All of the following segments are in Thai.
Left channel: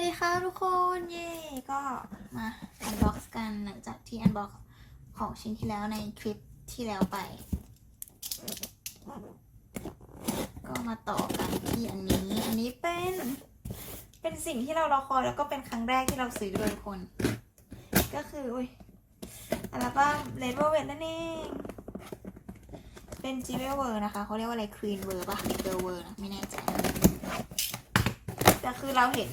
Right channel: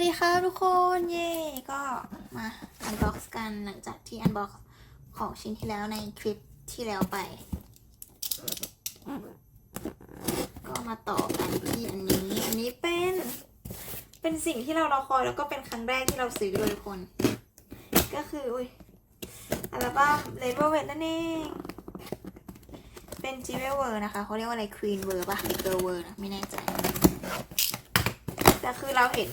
วัสดีค่ะทุกคนเย่ก็มาอันบ็อกซ์กันหลังจากที่อันบ็อกซ์ของชิ้นที่แล้วในคลิปที่แล้วไป ก็มาต่อกันที่อันนี้ อันนี้เป็น เป็นสิ่งที่เรารอคอยแล้วก็เป็นครั้งแรกที่เราซื้อเลยคน ก็คืออุ้ยอัลบั้มเลเวอร์เวทนั่นเองเป็นจิเวเวอร์นะคะเขาเรียกว่าอะไรควีนเวอร์ป่ะเกอร์เวอร์นะไม่แน่ใจแต่คือเราเห็น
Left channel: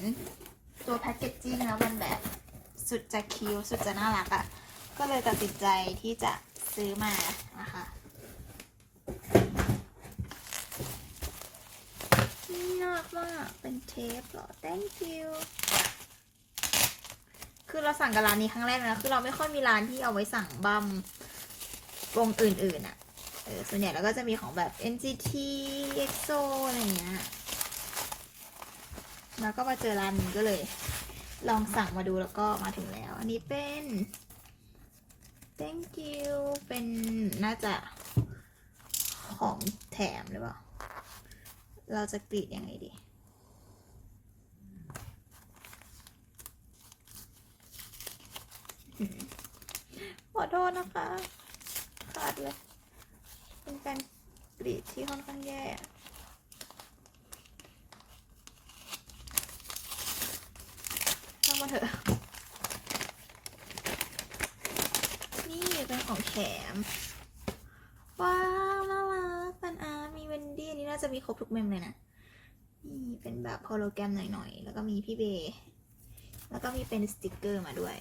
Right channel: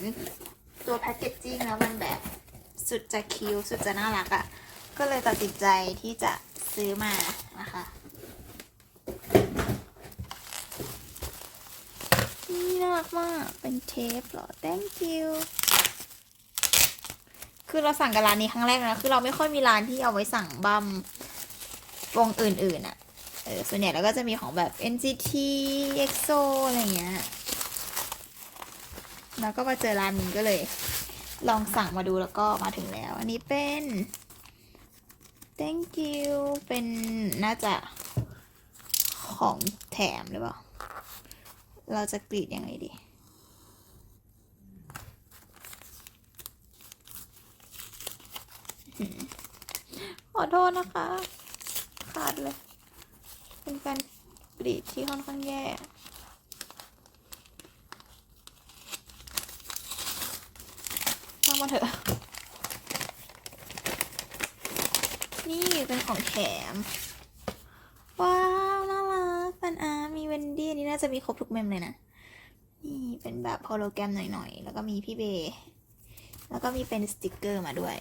ตัวแพคเกจจิ้งแล้วมันแบบสุดจะคิวสุดจะน่ารักอะ่ะ ก็เลยตัดสินใจที่จะซื้อมานะคะนี่น่ารักมากเป็นเทปเหรอ thank you คือเราสั่งกับร้านนี้ครั้งแรกนะ คือเราไม่ค่อยมีร้านที่เอาไว้สั่งบัมวงอื่นๆอะ่ะ เออส่วนใหญ่เราก็จะมีของแบบ NCT EXO อะไรเงี้ย แล้วก็มาเจอร้านนี้ก็เลย ลองสั่งมาดูแล้วก็มาถึงแล้ว อันนี้เป็น thank you เป็นน่าจะของแถมหรือเปล่า เราจะกรีดยังไงดี ขอโทษนะคะ ขาดเลย เป็นการกรีดที่ค่อนข้างแย่ ช่างมาเถอะ นี่เป็นของแถ ม ว้าวน่ารักปันอาร์มีเวนดี้นี่น่าจะมีครบทุกเมมเลยนะ นี่เป็นแบบโฮโลแกรมหน่อยๆ แล้วก็มีพี่เบย์แล้วก็มีเป็นสติกเกอร์มาด้วย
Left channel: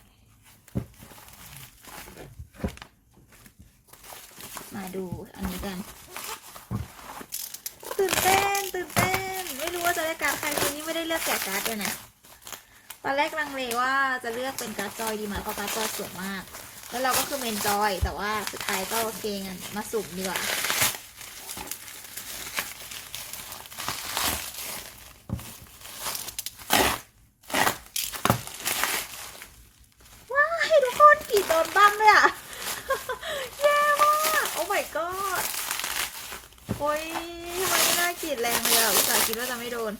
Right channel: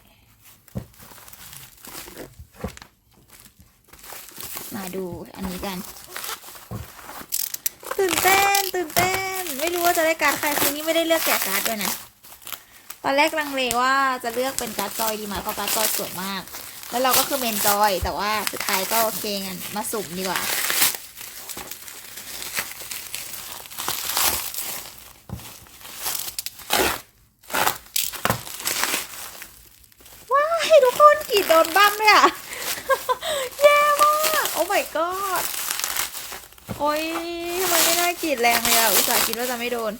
มาดูอันนี้กัน ตื่นเต้นตื่นเต้น ไม่รู้ว่าจะได้การดใครคือนี่ไม่ได้เลือกแกะการ์ดด้วยนะตอนแรกลังเลว่าจะเลือกเป็นการ์ดจอยดีไหมเพราะการ์ดจอยสวยมาก แล้วเราก็คือเมนจอยแต่ว่าสุดท้ายก็โอเคงั้นมาสุ่มดีกว่าว้ายทุกคนกรีดโดนบ้ามเลยอะแย่มากโอ้ my god โอ้ยทำไมไม่น่ากรีดแรงเลยอะอุตส่าห์คิดว่าจะไม่โดน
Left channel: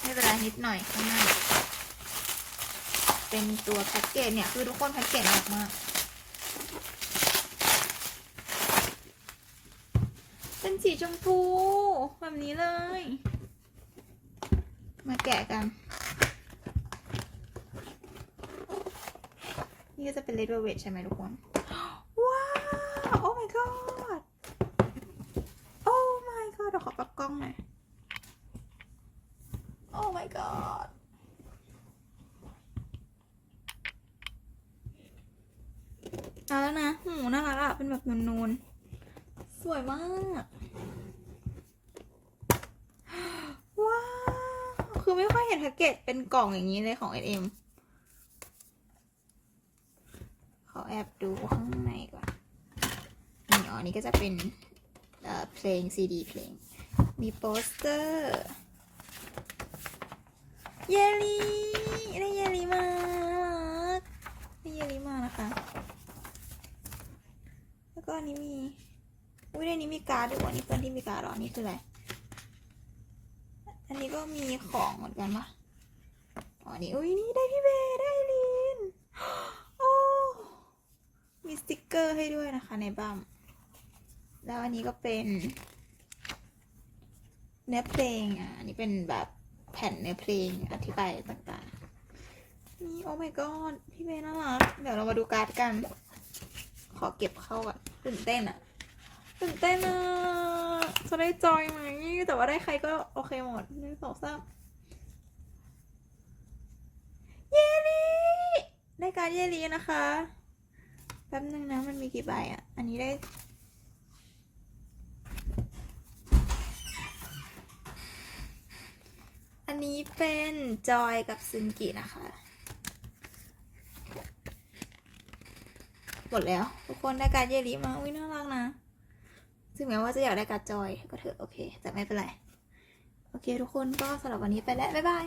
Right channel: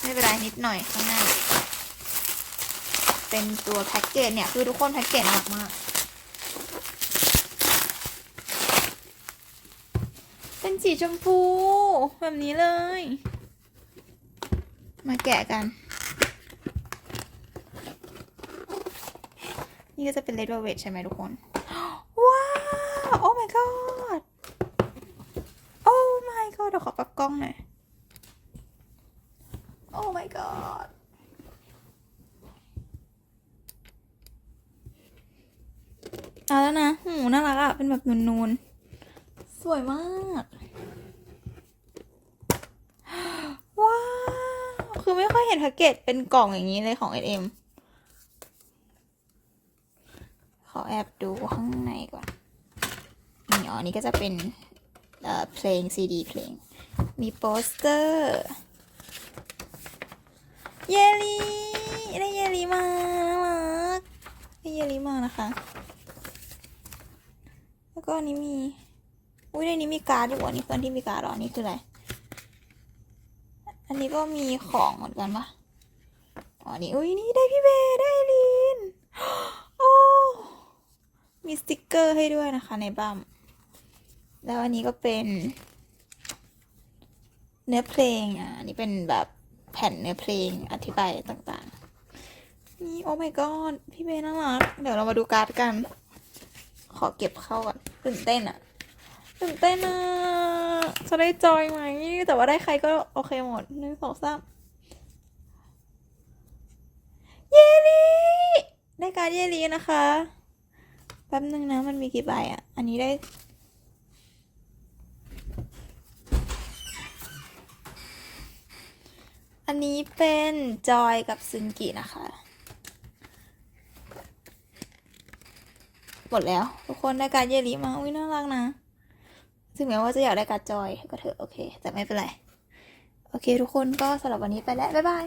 ไม่เป็นไรนิดหน่อยข้างหน้า เป็นตัวแพ็กเกจเนี่ยคือทุกคนแพ็กเกจหนักมากเป็นสีชมพูแบบนี้เลย มาแกะกัน นี่ก็จะเป็นเลดเวลเวทใช่ไหมทุกคน ว้าวโอ้ my god โอ้ my god เดี๋ยวขอปรับกล้องหน่อยโอ้ my god เอาแล้วนะหูน่ารักอะเป็นแบบนูนๆ สวยมาก ว้าว คือไม่ค่อยเห็นแพ็กเกจเป็นกล่องอย่างนี้เลยของ SM ขอแอบดูข้างในก่อนนี่อ๋อนี่ก็จะเป็นเอ่อเพลงซีดีเพลง มีโปสเตอร์ เยลลี่ได้เยลลี่มาน่ารักได้เยลลี่มานะคะ แล้วก็อันนี้มี อุ้ยในนี้มีการ์ดด้วยอันนี้เพื่อนที่มีการ์ดหรออันนี้คืออะไร อันนี้ก็มีของเหมือนกันปะอ๋อนี่อุ้ยนี่ได้พี่เบได้ลินโอ้มีสติกเกอร์ให้ด้วยนะคะในบัมแล้วอันนี้ก็เป็น เนื้อเพลงอะอันนี้เป็นแบบแผ่นเนื้อเพลงอธิบายต่างๆนี่โอ้ my god พี่เบน่ารัก เดี๋ยวเรามาดูการ์ดกัน ขอเก็บเข้าก่อนตื่นเต้นอะตื่นเต้นอะจะได้จอยไหมแต่ว่าได้ใครก็โอเคหมดหนึ่งสองสามเยลี่ได้การเยลี่นะคะแป๊บนึงนะมันมีกี่ใบอะอันนี้ได้อันนี้เป็นจอยกับซึนกินะคะ หม ดแล้ว ทุกคนได้การเยลีมาอุ้ยน่ารักนะ ถึงแม้ว่าจะอยากได้การจอยก็เถอะโอเค แต่ไม่เป็นไร โอเค ทุกคนก็สำหรับวันนี้ไปแล้ว บ๊ายบาย